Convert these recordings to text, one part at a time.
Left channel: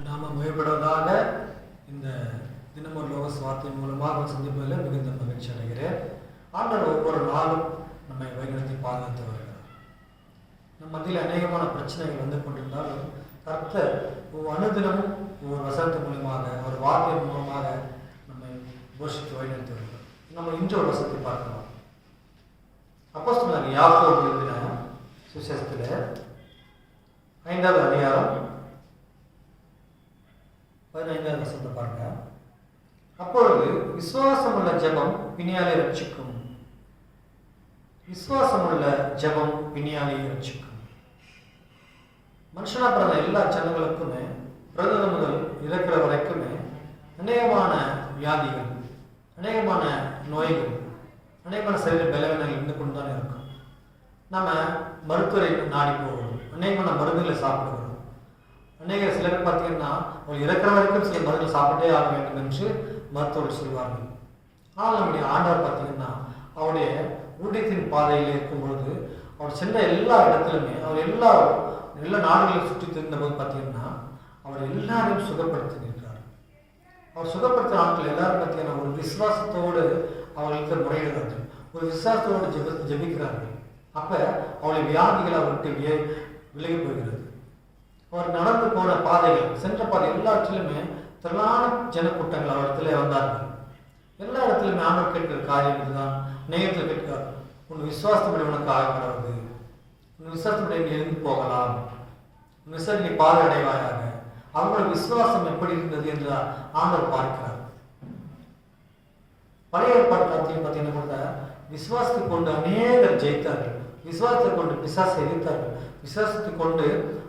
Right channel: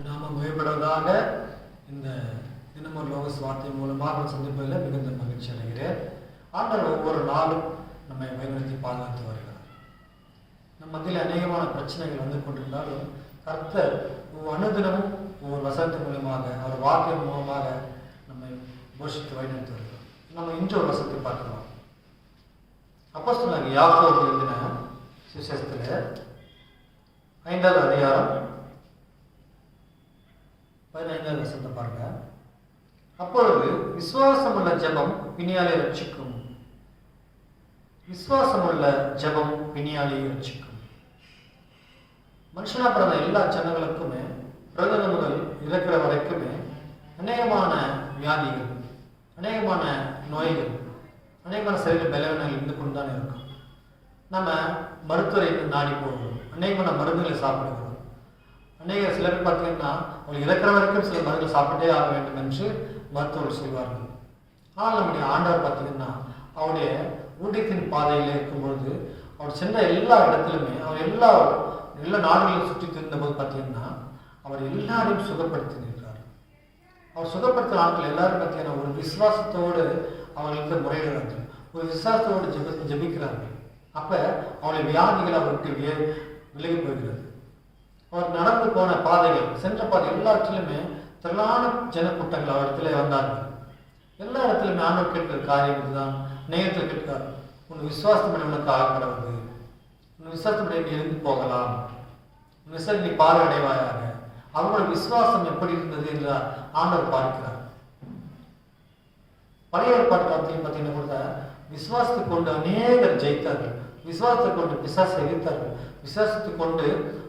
நாம மேம்படுவதாக இந்த தினமொரு லோக சுவார்த்தை மூலமாக சந்திப்பதில் மிகுந்த மகிழ்ச்சி அடைகிறேன். ஆண்டவர் ஒவ்வொரு நாளும் நம்மை வழிநடத்தி பாதுகாத்து வருகிறார். நம் மத்தியில் அநேகமான பிரச்சனைகள் வந்து கொண்டிருந்தாலும் கர்த்தர் ஒவ்வொரு அனுதினமும் ஒவ்வொரு வசனத்தின் மூலமாக ஒரு வார்த்தை மூலமாக நம்மை போஷித்து வழிநடத்தி வருகிறார். நம்ம இன்று ஒரு வசனத்தை பார்க்கலாம். அப்போ சொன்னாங்க யாக்கோ எழுதின சுசேஷத்தில் ஐந்தாவது அதிகாரம் பதினைந்தாவது வசனத்தை பாருங்க. அப்பொழுது விசுவாசமுள்ள ஜெபம் பிணியாலை ரட்சிக்கும். விசுவாசமுள்ள ஜெபம் பிணியாலை ரட்சிக்கும். மனுஷனா பிறந்த எல்லா ஜனங்களுக்குமே பிறந்த முதல் இறக்கிற வரைக்குமே அநேகமான வியாதிகள் அநேகமான நோய்கள் அநேகமான சரீர பலவீனங்கள் இருந்து கொண்டுதான் இருக்கும். நம்ம மருத்துவரை நாடி போவோம். அநேகமான மருந்துகளை சாப்பிடுவோம். அநேக சிலர் பார்த்தீங்கன்னா அவங்க இறக்குற வரைக்கும் சில மருந்துகள் சாப்பிட்டே ஆக வேண்டும் என்று மருத்துவர்கள் சொல்வார்கள். ஆனால் நம்முடைய ஆண்டவர் பார்த்தீங்கன்னா அவருடைய ஊட்டத்தின் பாதையில் இருக்கும் பொழுது அவர் சென்ற எல்லா இடத்திலுமே அவர் எல்லா எல்லா நாடுகளையும் சுற்றி திருந்தபோது பார்த்தீங்கன்னா அவர் எல்லாரையும் நின்றார் அவர் சுகப்படுத்தின ஆட்கள் எல்லாரும் பார்த்தீங்கன்னா ஒரு விசுவாசத்தோடு அவர்களுக்கு முறையிடுறார்கள் ஒரு விசுவாசத்தோடு ஜெப ஜெபிக்கிறார்கள். அப்போ அவருடைய வியாதிகள் அவருக்கு விலகி போகிறது. அவர் நடந்து போன பாதைகள் சென்ற பாதை இடத்துலையுமே திரளான ஜனக்கூட்டங்கள் அவரிடத்துல வந்தார்கள். எல்லா இடத்துலையுமே ஆண்டவர் கேட்கிற காரியம் இதுதான். நேயத்தில் கேட்கிறார் உன் விசுவாசப்படி உனக்கு ஆகப்படுவது உன் விசுவாசப்படி நீ இருந்து போகலாம். உன் விசுவாசம் நீ பார்வையடைவாயாக அவங்களோட விசுவாசம் எப்படி இருந்தது? என்று ஆண்டவர் பார்க்கிறார். பழைய ஏற்பாடு பார்த்தீங்க பார்த்தீங்கன்னா கூட விசுவாசத்தை கொண்டு அநேகர் ஜெயித்தார்கள். விசுவாசத்தை கொண்டு பிசாசை எதிர்த்தார்கள் விசுவாசத்தை கொண்டு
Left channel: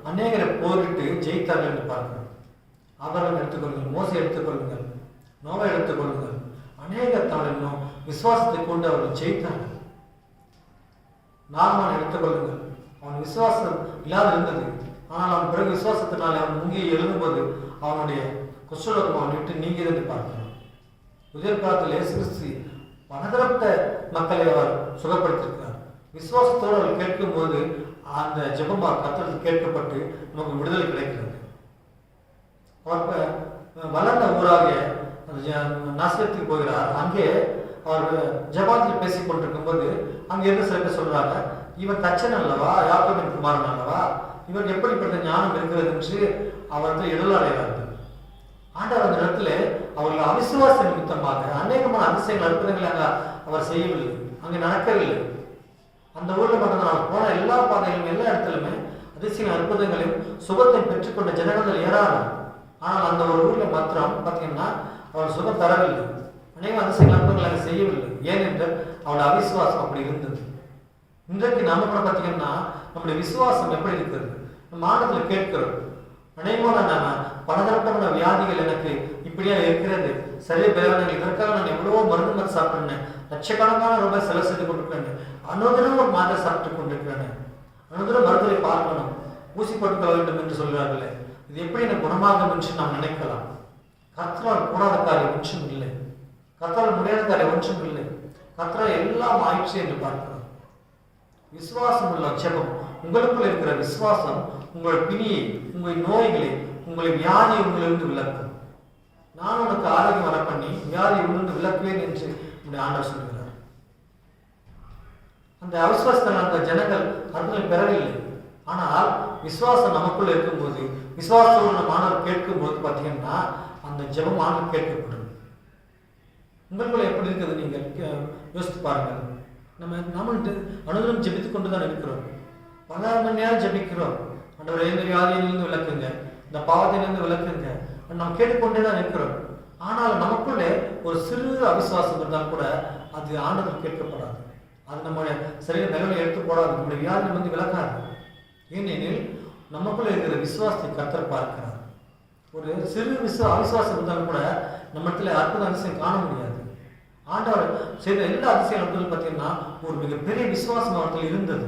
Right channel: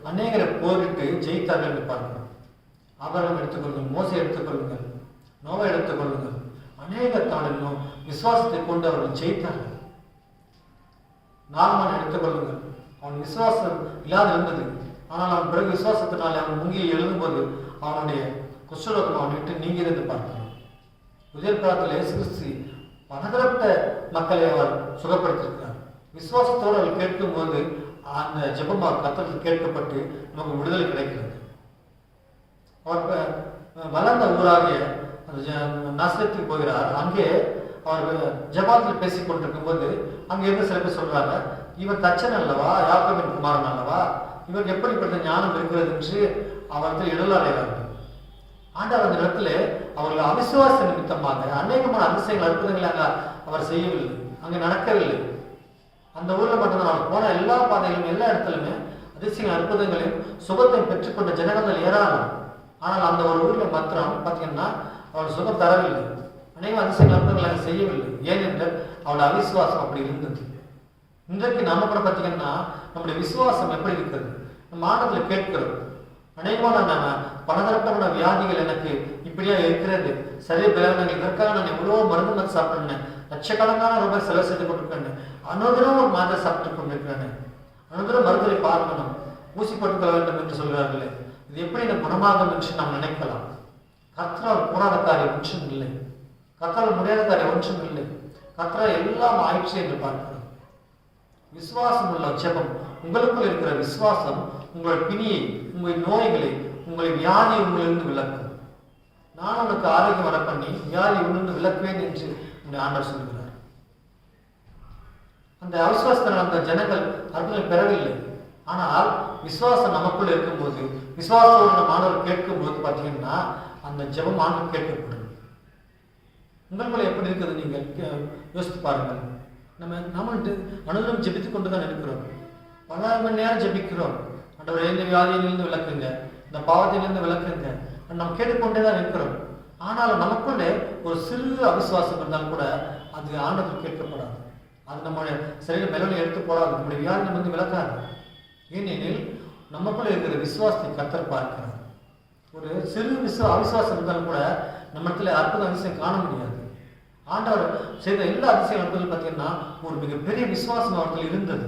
அநேகரை போரிட்டு ஜெயித்தார்கள் என்று பார்க்கிறோம். ஆபரணம் எடுத்துக்கொள்ளுங்கள் மோசை எடுத்துக்கொள்ளுங்கள் நோவை எடுத்துக்கொள்ளுங்கள். அநேக தாளிலும் விசுவாசத்தை கொண்டு அவர்கள் ஜெயித்தார்கள். நார்மான் எடுத்துக்கொள்ளுங்கள். அவன் விசுவாசம் இல்லாத இருந்தது. ஆனால் அவன் பிறகு விசுவாசத்தினாலே அவன் முங்கி எழுதும்போது அவனுடைய குஷ்டரோகம் அவன் விட்டு நீங்க இருந்து உதய காலத்தில் இயேசு கிறிஸ்து பலதரப்பட்ட மக்களை அவர் சுகப்படுத்தியிருக்கிறார். விசுவாசத்தோடு அதை கேட்கும்போது அந்த ஜெபம் அவர் கேட்கப்பட்டு நமக்கு விடுதலை கிடைக்கிறது. அவர் வளர்ந்த ஊராகிய அந்த போகிறார். அங்கே அவர் ஜபாத்தில் பேசிக்கொண்டிருக்கும் போது அங்கே இருந்து சில பேர் சொல்றாங்க இவன் தச்சன் அல்லவா? யாக்கோபின் குமாரன் அல்லவா? இவருக்கு எப்படிப்பட்ட ஞானம் இருக்கிறது? என்று அவர் வந்து இடலாடைகிறார்கள் ஆண்டவர் அந்த இடத்துல அவர்கள் அவிசுவாச நிமித்தமாக அநேகமான அதிசயங்கள் அற்புதங்களை அங்க அவர் செய்யவில்லை. அங்கே நடக்கவில்லை. அந்த ஊர்ல மட்டும்தான். அவர் போன எல்லா பாதைகளும் எல்லா இடத்துலுமே அதிசயங்கள் அற்புதங்களையும் சுகத்தை பெற்றுக்கொண்ட ஜனங்கள் ஏராளம். ஆனால் அந்த ஒரு ஊர்ல மாத்திரம் பார்த்தீங்கன்னா அவள் சுகம் தரவில்லை. அநேக அதிசயங்கள் அற்புதங்களை செய்யவில்லை. ஏனென்றால் அவருடைய அவிசுவாசம் அப்படி இருந்தது. இன்றைக்கு நாம கூட பார்த்தீங்கன்னா நம்முடைய விசுவாசம் எப்படி இருக்கிறது? நம்ம ஆனத்தில் கேட்கிறோம். அநேகமான நாம பலதரப்பட்ட வியாதிகள் எனக்கு இப்படியா இருக்கிறது. சரி பலவீனங்கள் இதற்காக நான் எவ்வளவோ மருந்து மருந்து சாப்பிட்டேன் லட்சக்கணக்கான ரூபாய் செலவு செஞ்சு கொண்டிருக்காங்க. அனுதினம் ஒரு மாத்திரை சாப்பிட்டு கொண்டிருக்காங்க. அனுதினம் மருத்துவரை பார்க்கணும். ஊசி போட்டுக்கொள்ள வேண்டும் என்று சொல்கிறார்களே. இது எப்படி எனக்கு குணமாகும் என்று நாம் நினைக்கலாம்? கர்த்தரால் கூடாத காரியம் ஒன்றும் இல்லை. கர்த்தரால் முடியாத காரியம் ஒன்றும் இல்லை. கர்த்தரால் எல்லாம் ஆயிற்று என்று பார்க்கிறோம். விசுவாசம் உள்ள ஜெபம். உங்களுக்குள் இருக்கிற விசுவாசம் உங்கள் பிணியை உங்கள் நோய்களை உங்கள் வியாதி உங்களிலிருந்து விளக்கும் நான் உனக்கு ஆரோக்கியம் வர பண்ணி வியாதி உங்களிருந்து விளக்குவேன் என்று என்று ஆண்டவர் சொல்கிறார் அந்த அவிசுவாசத்தில் அந்த ஜனங்கள் அற்புதம் பெறவில்லை. ஆனால் விசுவாசம் நமக்குள்ள இருக்கும்போது விசுவாசமான மாணவர் கேட்கும்போது பார்த்தீங்கன்னா அந்த ஜபம் ஆண்டு கேட்கப்படும். உங்களுக்குள்ள எப்படி இருக்குது நீங்கள்? யோசித்து பாருங்கள். நம்ம நம்மள்ட்ட அனுதினம் ஜெபித்துக் கொண்டு தான் இருக்கிறோம். பல மணி நேரம் ஜெபிக்கிறோம். ஆண்டவரே இந்த வியாதியிலிருந்து விளக்குங்க இந்த பாவத்திலிருந்து விளக்குங்க நாம் கேட்டுக்கொண்டே தான் இருக்கிறோம். ஆனால் நமக்குள்ளே ஒரு சிறு அவிசுவாசம் இருந்தால் கூட அது ஆண்டவர் கேட்கப்படாது. அது நம்முடைய சரீர நிலைமை எடுத்து போடாது நம்முடைய வியாதி வந்து விளக்காது. ஏனெனில் நமக்குள்ளே இருக்கிற விசுவாசத்தை கத்தர் பார்க்கிறார். ஒரு சிறு விசுவ அவிசுவாசம் இருந்தாலும் கூட நம்ம இடத்துல அற்புத அதிசயம் காண முடியாது. ஆண்டவர் செய்த எல்லா அதிசயம் இடத்துல பார்த்தீங்கன்னா ஒரு மிகப்பெரிய விசுவாசம் அவர்கள் இருந்தது.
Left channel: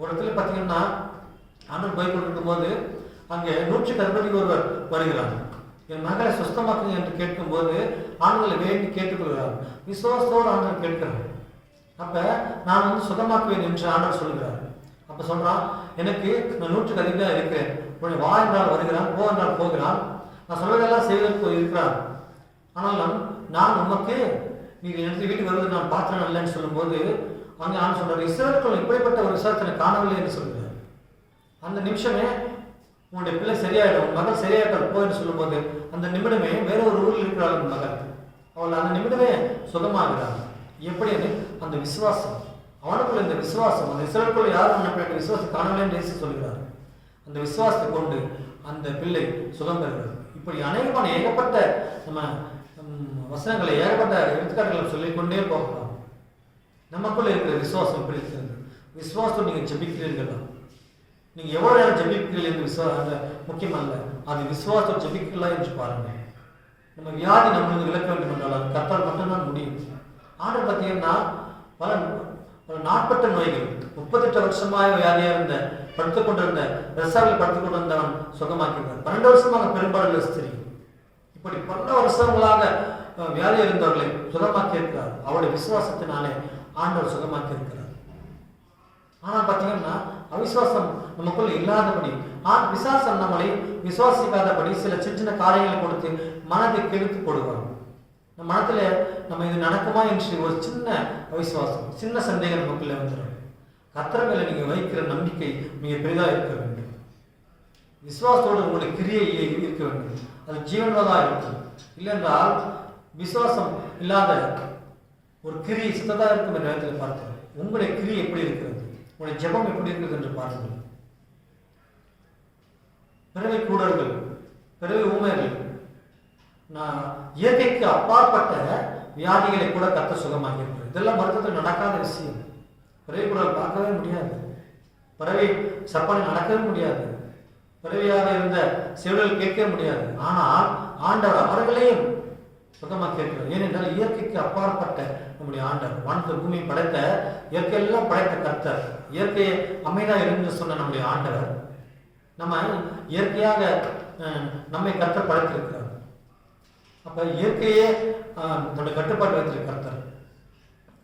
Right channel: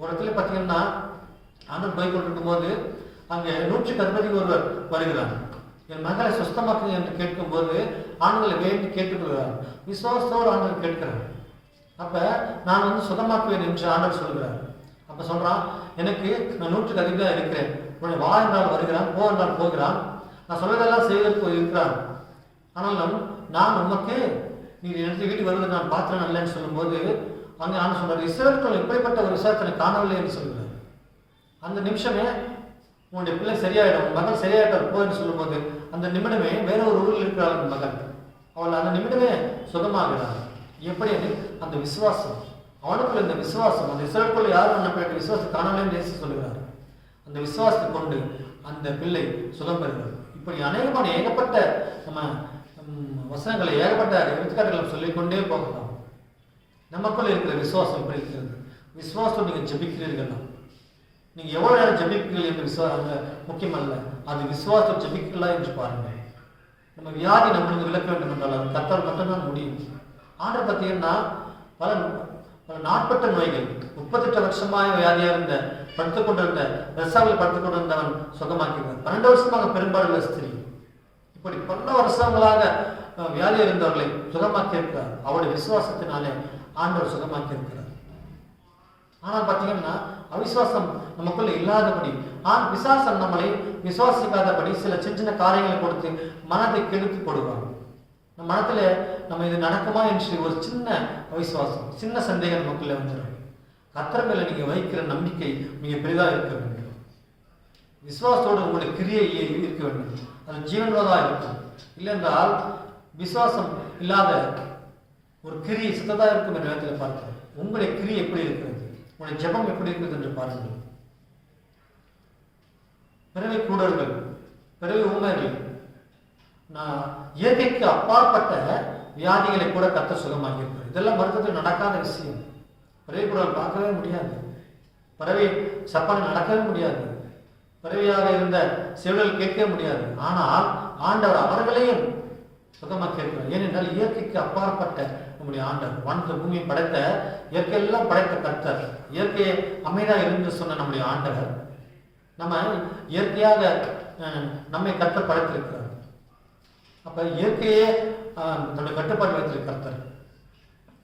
ஒரு இடத்துல பார்த்தீங்கன்னா ஆண்டவர் போய் கொண்டிருக்கும் போது அங்கே நூற்றுக்கு அதிபதி ஒருவர் வருகிறார். என் மகளை சுஸ்தமாக்குங்க என்று கேட்கும்போது ஆண்களை வேண்டி கேட்டுக்கொள்கிறார். விசுவாசத்தோடு ஆண்டவர் கேட்கிறார். அப்ப நான் வந்து சுகமாக்குவேன் என்று ஆண்டவர் சொல்கிறார். அப்ப சொல்றான் எனக்கு நான் நூற்றுக்கு அதிகமாக இருக்கிறேன். உன்னுடைய வா என்றால் வருகிறான் போ என்றால் போகிறான். நான் சொல்வதெல்லாம் செய்வதற்கு இருக்கிறான். ஆனாலும் நான் உமக்கு நீ எனக்கு வீட்டுக்கு வருவது நான் பார்த்தேன் அல்லன்னு சொல்லும்போது அங்கே நான் சொல்றாரு இஸ்ரேலுக்குள் இப்படிப்பட்ட ஒரு விசாரத்தை காணவில்லை என்று சொல்கிறார். அந்த நிமிஷமே உன்னுடைய பிள்ளை சரியாயிடும் மகள் சரியாயிட்டால் போன்னு சொல்லும்போது அந்த நிமிடமே வேற ஒரு ஊரில் இருக்கிறாள் மகள். அவள் அந்த நிமிடமே சுகமாகிறாள். எப்படி அது? அந்த விசுவாசம். அவனுக்குள்ள இந்த விசுவாசம் அந்த இஸ்ரேலுக்குள் யாரும் அனுப்பிய விசுவாசம் காணவில்லை நேசி சொல்கிறார் அந்த விசுவாசத்தை கொண்டு அந்த பிள்ளை சுகம் பெறுகிறது இப்படி அநேகமான ஏகப்பட்ட நம்ம வசனங்களை ஏகப்பட்ட எடுத்துக்காட்டுகளை சொல்லிக்கொண்டே போகலாம். நமக்குள்ள இருக்கிற விசுவாசம் எப்படி இருக்கிறது? விசுவாசம் நீங்கள் ஜபிக்கிறீர்களா? நீங்க எவ்வளவு நேரம் ஜபிக்கிறீர்கள் என்று விசுவாசம் முக்கியமல்ல. அது விசுவாசம் ஜபிக்கலாம் என்று பாருங்கள் நம்ம வியாதி நம்மளுக்கு விளக்க வேண்டும் என்றால் அது கத்தால் மட்டும்தான் முடியும். ஆண்டர் பார்த்தீங்கன்னா பல பல நாட்பட்ட நோய்கள் முப்பத்தெட்டு வருஷமாக வியாதியாக இருந்த படுத்துக் கொண்டிருந்த ரசாவில் படுத்துக் கொண்டிருந்தவன் சுகமாக்கினார் பன்னெண்டு வருஷமாக பெரும்பாலுள்ள ஸ்திரீ. இப்படி பல வருஷங்களாக வியாதியாக வியாதி இருந்தவர்களை சுகமாக்கி இருக்கிறார் அவருடைய விசுவாசத்தினாலே ஆண்டவர் சுகமாக்கி இருக்கிறார் ஆனால் பார்த்தீங்கன்னா அவிசுவாசம் நமக்குள்ள இல்லாதபடி ஆண் விசுவாசம் நம்மளை விசுவாசிக்காதபடி சில சின்ன சின்ன காரியங்களை கொடுத்து மனதை கெடுத்து கொடுவாங்க நம்ம மனத்துல நம்ம இது நடக்குமா என்று ஒரு சின்ன அவிசுவாசம் சின்ன சந்தேகம் நமக்குள்ள வந்துடும். கத்திரங்களை நீங்கள் நீங்க வைக்கிற நம்பிக்கை மிக பெரிதாக இருக்க வேண்டும். விசுவாசத்தோடு உங்களுடைய கிரியை இருக்க வேண்டும். அது ஜீவனதாக இருக்கும். இல்லைன்றால் விசுவாசம் இல்லாத ஒரு கிரி சித்ததாக இருக்கும் என்ற நேரத்தில் பார்த்தோம் உங்களுடைய கிரி எப்படி இருக்கிறது? உங்களுடைய ஜெபம் எப்படி இருக்குது என்று பாருங்கள். பிறவை கூடர்கள் பிறவை ஊமைகள் நான் இயற்கைக்கு அப்பாற்பட்ட வியாதிகளை கூட கத்த சுகமாக இதெல்லாம் மருத்துவத்தில் நடக்காத விஷயம். பிறவை குரல் பார்க்கவே முடியாது. பிறவை சப்பனை நடக்கவே முடியாது. பிறவியாக இருந்த செவிலில் கேட்க முடியாது. ஆனால் ஆண்டவர் அவர்களையும் சுகமாக இருக்கிறார் ஏனென்றால் இயற்கைக்கு அப்பாற்பட்ட உங்களுடைய ஆண்டர் வானத்தை பூமியை படைத்த இயற்கையெல்லாம் படைத்த கர்த்தர் இயற்கையை அமைதியாக இருந்து சொன்ன நம்முடைய ஆண்டவர் நம்ம இயற்கையாக அஹ், நம்மை கர்த்தர் படைத்திருக்கிறார். அப்ப இயற்கையே அஹ், தன்னுடைய கட்டுப்பாடு வைத்திருக்க கர்த்தர்.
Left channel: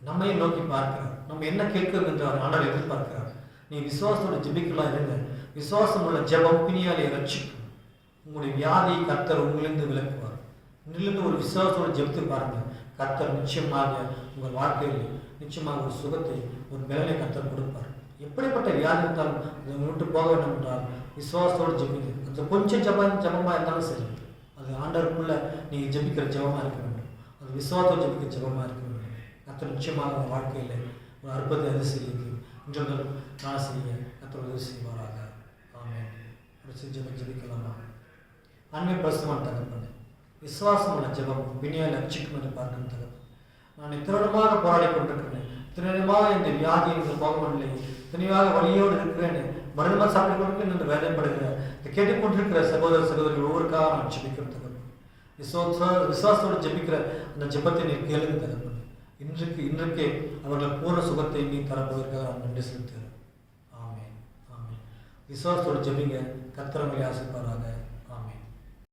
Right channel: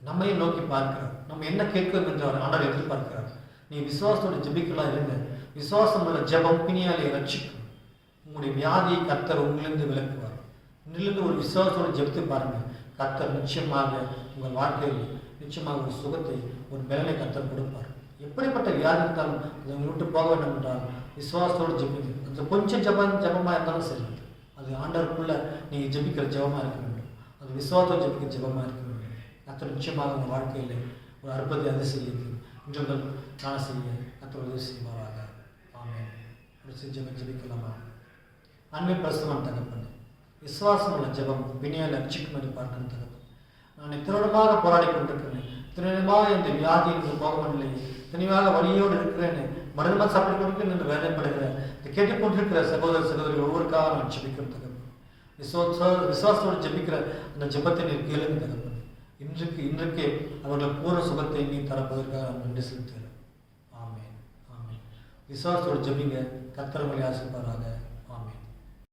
நம்மையும் நோக்கி பார்க்கிறார். நம்ம என்ன கேட்கிறோம் என்று அவர் ஆண்டவர் எதிர்பார்க்கிறார். நீ விசுவாசத்தோட ஜெபிக்கலாம் இருங்க. விசுவாசம் உள்ள ஜெபம் பிணியாலே ரட்சிக்கும். உங்களுடைய வியாதியை கர்த்தர் உங்களிருந்து விளக்குவார் உங்களிருந்து ஒரு விசுவாசத்தோட ஜெபித்து பாருங்க கத்தர் நிச்சயமாக உங்கள் வாழ்க்கையில் நிச்சயமாக ஒரு சுகத்தை ஒரு பலனை கத்தர் கொடுப்பார். எப்படிப்பட்ட வியாதி இருந்தாலும் அதை விட்டு போக வேண்டும் என்றால் விசுவாசத்தோடு ஜபிங்க. அந்த கொஞ்சம் ஜபம் ஜபமாக இருந்தாலும் சரி. அது ஆண்டவருக்குள்ள நீங்கள் ஜபிக்கிற ஜெபமாக இருக்க வேண்டும். அது விசுவாசத்தோடு ஜபிக்கிற ஜெபமாக இருக்க வேண்டும். கத்தர் நிச்சயமாக உங்கள் வாழ்க்கையில் ஒரு அற்புதத்தை அது செய்யுது இன்று முதல் நான் செய்ய கத்தர் உதவி செய்வாராக. ஆமாம் ஒரு சிறு ஜபிக்கலாமா? அன்பை பரிசுமான தகப்பன் விசுவாசம் உள்ள ஜெபம் வினியால் அச்சிக்கும் என்று பார்க்கின்றது நான் இத்திரமாக போராடி கொண்டிருக்கிறேன். திருடமாக இந்த வியாதி எனக்கு போகவில்லை. தனிவாக வழியோடு இருக்கிறேன். மருந்து சாப்பிட்டு கொடுக்கிறேன் என்று வேதனைப்படுகிற இதை கேட்டுக்கொண்டிருக்கிற சகோதர சகோதரி ஒவ்வொருக்காக நான் ஜபிக்கின்றது விசுவாச விசுவாசத்தோடு ஜெபிக்கிற அந்த ஜெபத்தை நீ கேளுங்க தகப்பன் இன்றைக்கு இன்றைக்கே அவர்கள் பூர்ண சுகத்தை நீ தரப்போவதற்காக நான் நன்றி செலுத்துகிறேன். ஆமே ஆமே விசுவாசத்தோடு ஜெபிங்க. கத்திரங்களை ஆசிப்பாராக.